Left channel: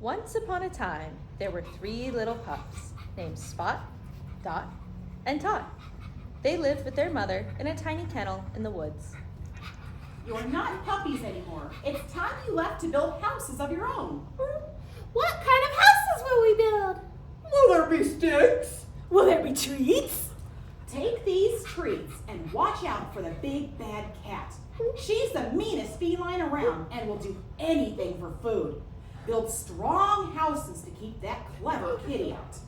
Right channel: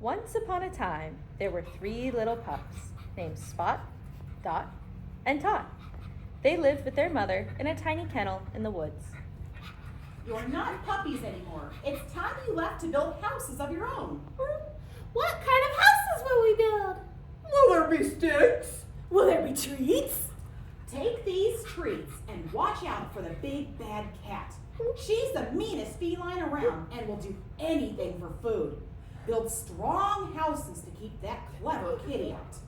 Once upon a time, there were 3 little pups named Spot, Dot, and Tot. They lived with their mother in a tiny kennel in the woods. You're not puppies anymore. It's time you left to build houses of your own. What kind of houses will we build? Will there be sticks? Will there be treats? Take these treats and watch out for the big bad cat. She's the meanest feline around and will do anything for food. Build strong houses to keep that clever kitty out.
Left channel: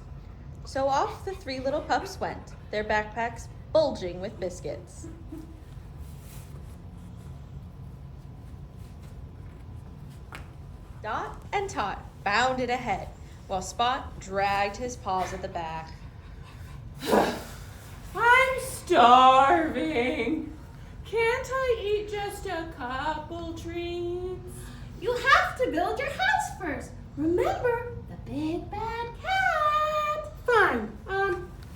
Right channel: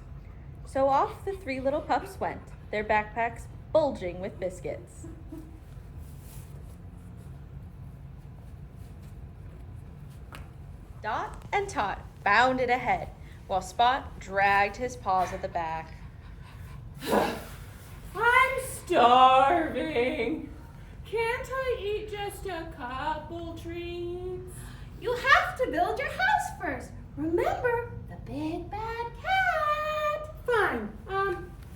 So off the 3 little pups went, their backpacks bulging with biscuits. Dot and Tot bounded ahead, while Spot dragged his paws at the back. I'm starving. Can't I eat just a couple treats? You have to build your house first. Remember the big bad cat. Fine.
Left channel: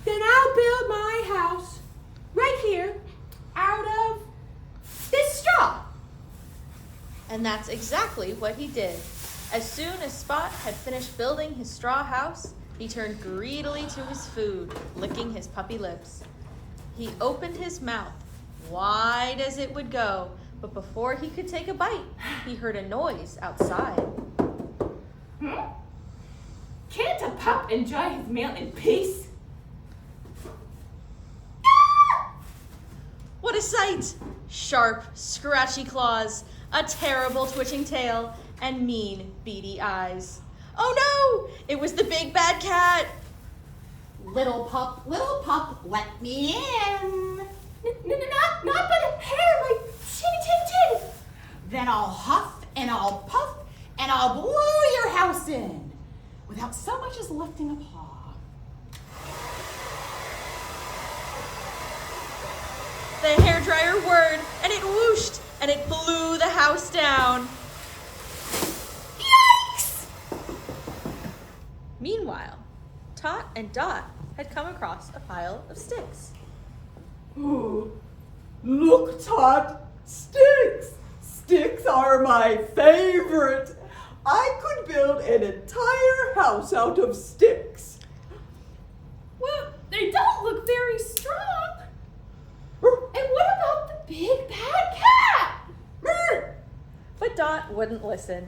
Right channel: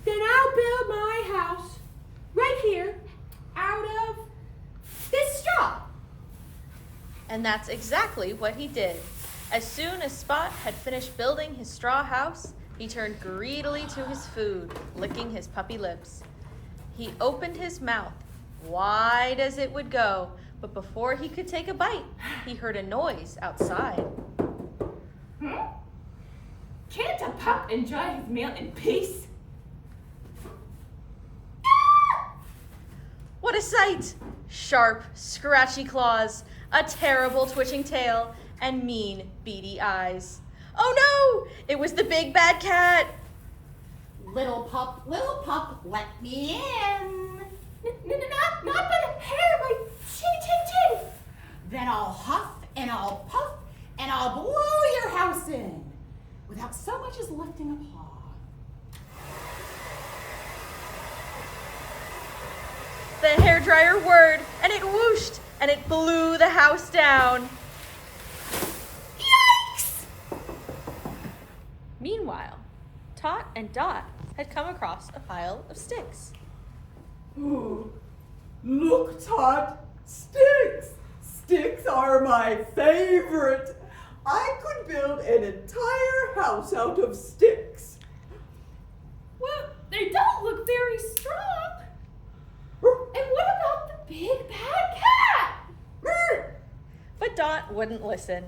Then I'll build my house right here out of this straw. And that's exactly what he did. As soon as Spot had finished building his straw house, he turned greedily to his food, licking his puppy lips. He opened his mouth, wide as it would go, but before he could take a bite, he heard a noise outside. Can't a pup enjoy his meal in peace? What a sight! Sharp, scratchy claws, a terrible twitching tail, and mean, beady eyes. Oh no! It was the big bad cat! Little pup, let me in. Not by the hair, my chin. Then I'll huff and I'll puff and I'll blow your house in without so much as lifting a paw. The hairdryer whirred, and it whooshed, and it blew the house down. Yikes! Meanwhile, Tot and Dot had come across a pile of sticks. Ooh, look, Tot, sticks! Sticks are my favorite. I could build an entire house out of sticks. Well, they don't look very strong. And what about the big bad cat? But Dot wouldn't listen.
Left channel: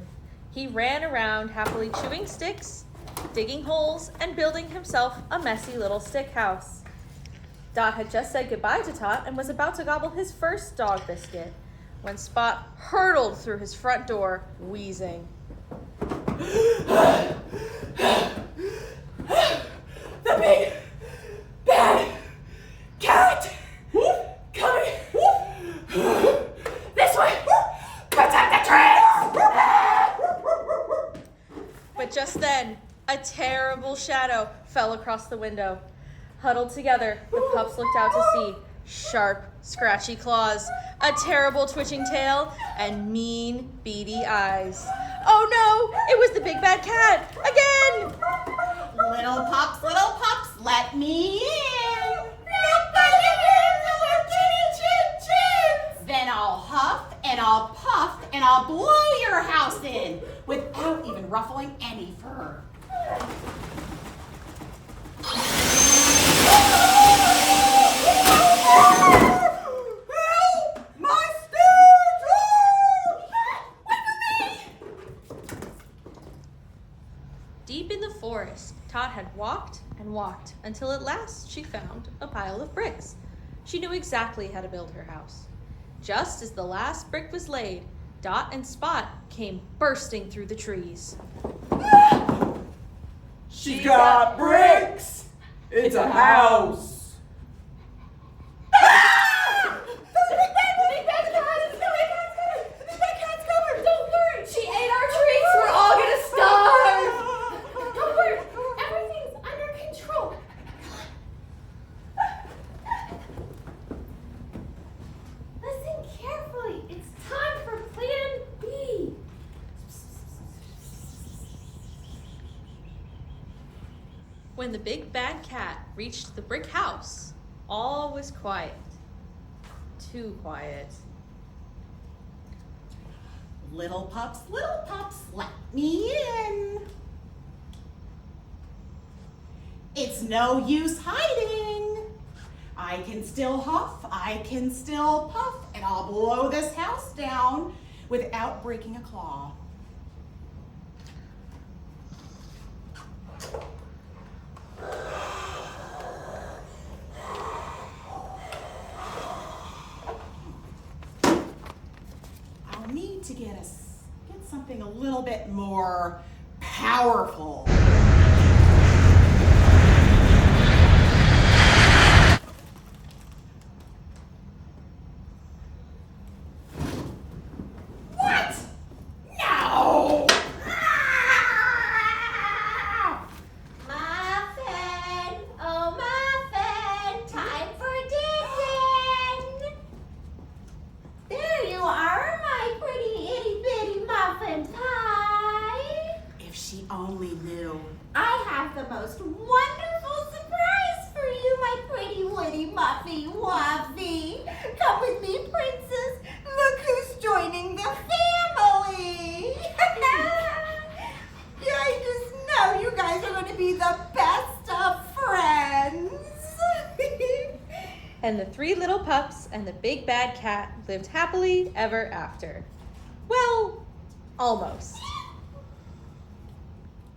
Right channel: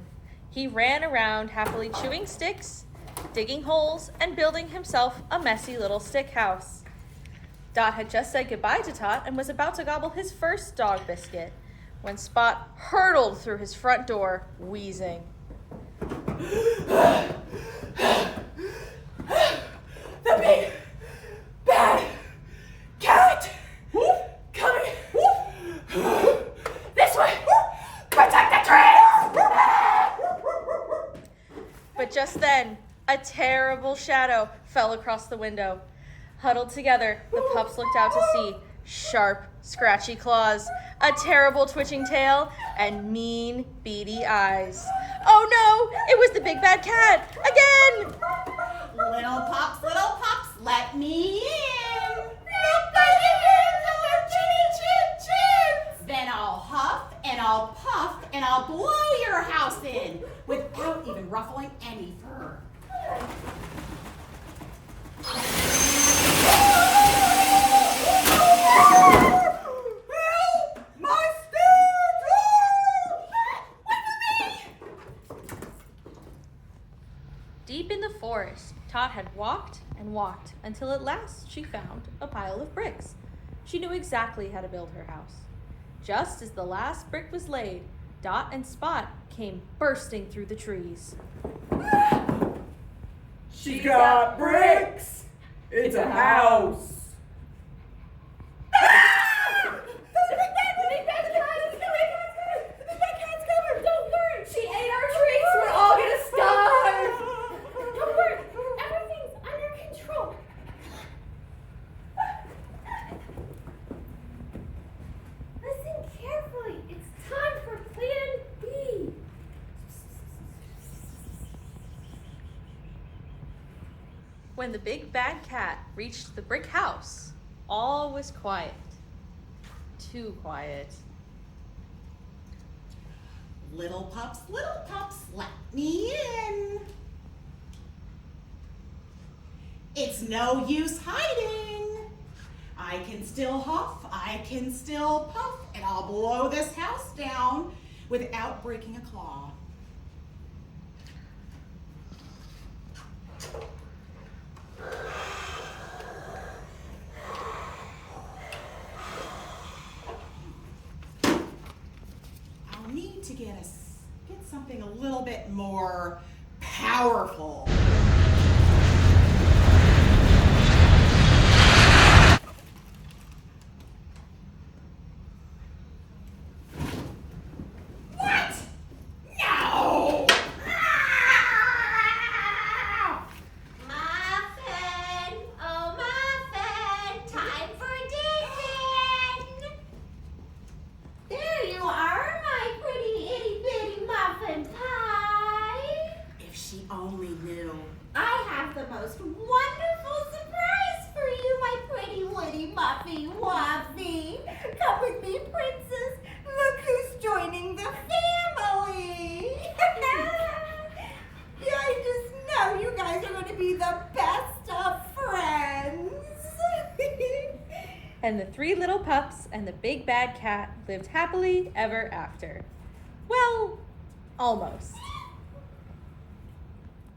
He ran around happily chewing sticks, digging holes, and building himself a messy little stick house. Dot had just said goodbye to Tot and was about to gobble his first dog biscuit when Spot hurtled through his front door, wheezing. The big bad cat coming this way. Protect the tree. But just then, a terrible shadow fell across the window. Huddled together, the pups looked out to see sharp, scratchy claws, a terrible twitching tail, and mean, beady eyes. Oh no! It was the big bad cat! Again! Little pups, let me in. Not by the hairs of our chins. Then I'll huff and I'll puff and I'll blow your house in without even ruffling any fur. Help! My sticks! Deep in the forest, Tot had walked and walked until at last she found a pile of bricks. She knew exactly how to build her house. Just as the last brick was laid, Dot and Spot came bursting through the trees. She got bricks. It's a house. Don't worry. She ate our treats. We're all gonna starve. Don't worry. Everything's under control. Listen carefully. It's time for Plan B. When the big bad cat reached the brick house, all was quiet. Too quiet. Little pups, let me in. It's no use hiding. I can still huff, I can still puff, and I'll blow this house down without breaking a claw. I'll need to get something a little bit more powerful. What? No! Muffin! Oh, Muffin! Time for dinner! There you are, my pretty itty bitty muffin pie! If she only knew. I have the most wonderful surprise for you, my pretty witty muffy wuffy! Come with me, princess! Look who's joining the family! Yeah, I just know you guys are going to be the best of friends! And the 3 little pups and the big bad cat lived happily ever after. Well, almost.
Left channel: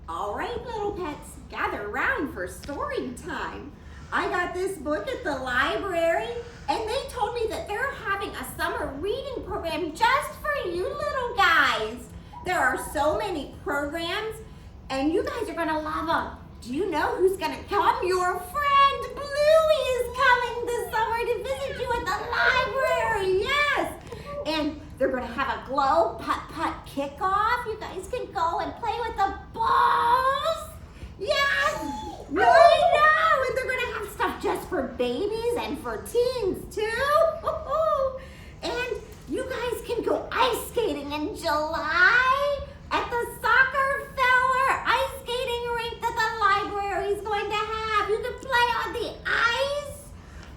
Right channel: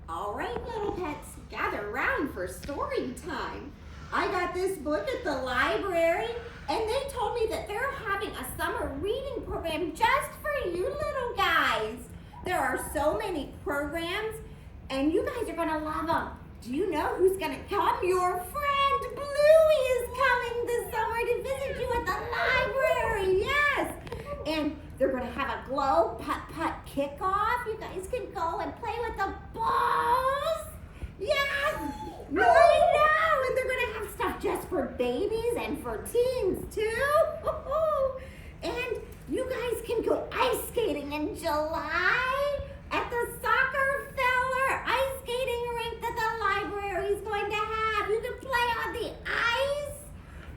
All right, little pets, gather round for story time. I got this book at the library, and they told me that they're having a summer reading program just for you little guys. There are so many programs, and you guys are gonna love them. Do you know who's gonna come? Your friend Bluey is coming this summer to visit you at the library, yes. And they're gonna have a glow putt-putt kickoff. You guys can go and play with the balls. Yes, I know. And they're gonna have stuff just for babies and for teens too. And you guys can go ice skating in July at the Soccer Feller ice skating rink that the library is going to have. You can play on the ice.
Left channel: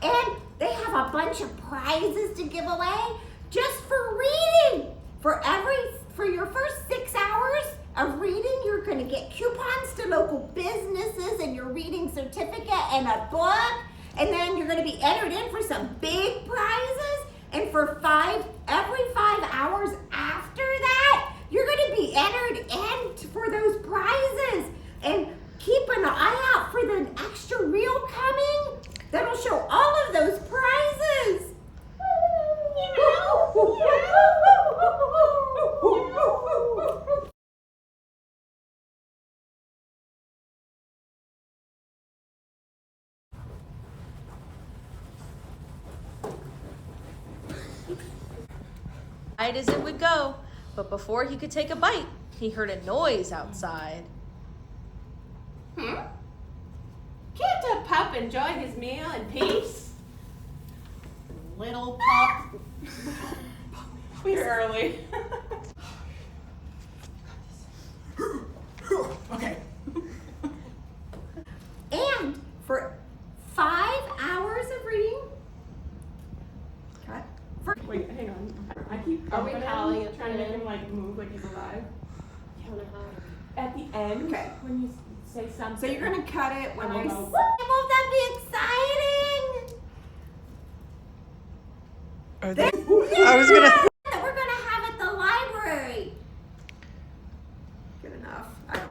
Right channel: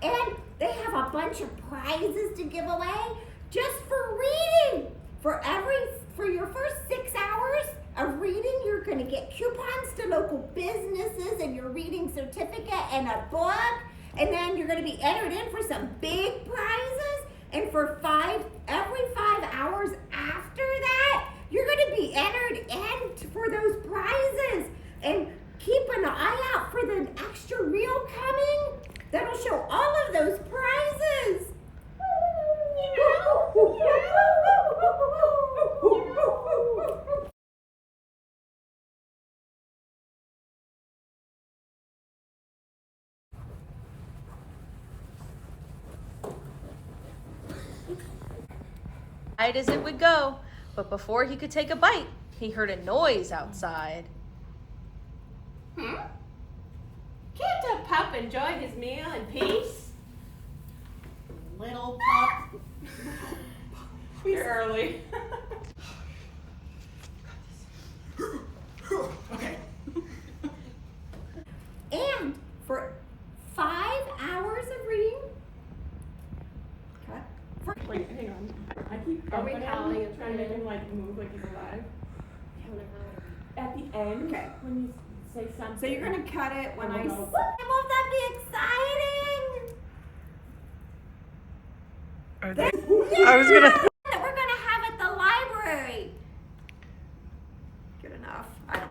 And they have a bunch of prizes to give away just for reading. For your first 6 hours of reading, you're gonna get coupons to local businesses and your reading certificate and a book. And then you're gonna be entered in for some big prizes. And for every 5 hours after that, you're gonna be entered in for those prizes. And keep an eye out for the extra reel coming that'll show all of those prizes. Right as it would go, but before he could take a bite, he heard a noise outside. Can't a pup enjoy his meal in peace? Little pup. We're early. Okay. And for 5 hours of reading, Wait, hang on. I keep Are we bumping calling him, it trying to make then? him like move like he's alive. At the end, Okay. when you say something. so you're gonna cut it when I. Oh, no. Won't that be exciting? I was gonna.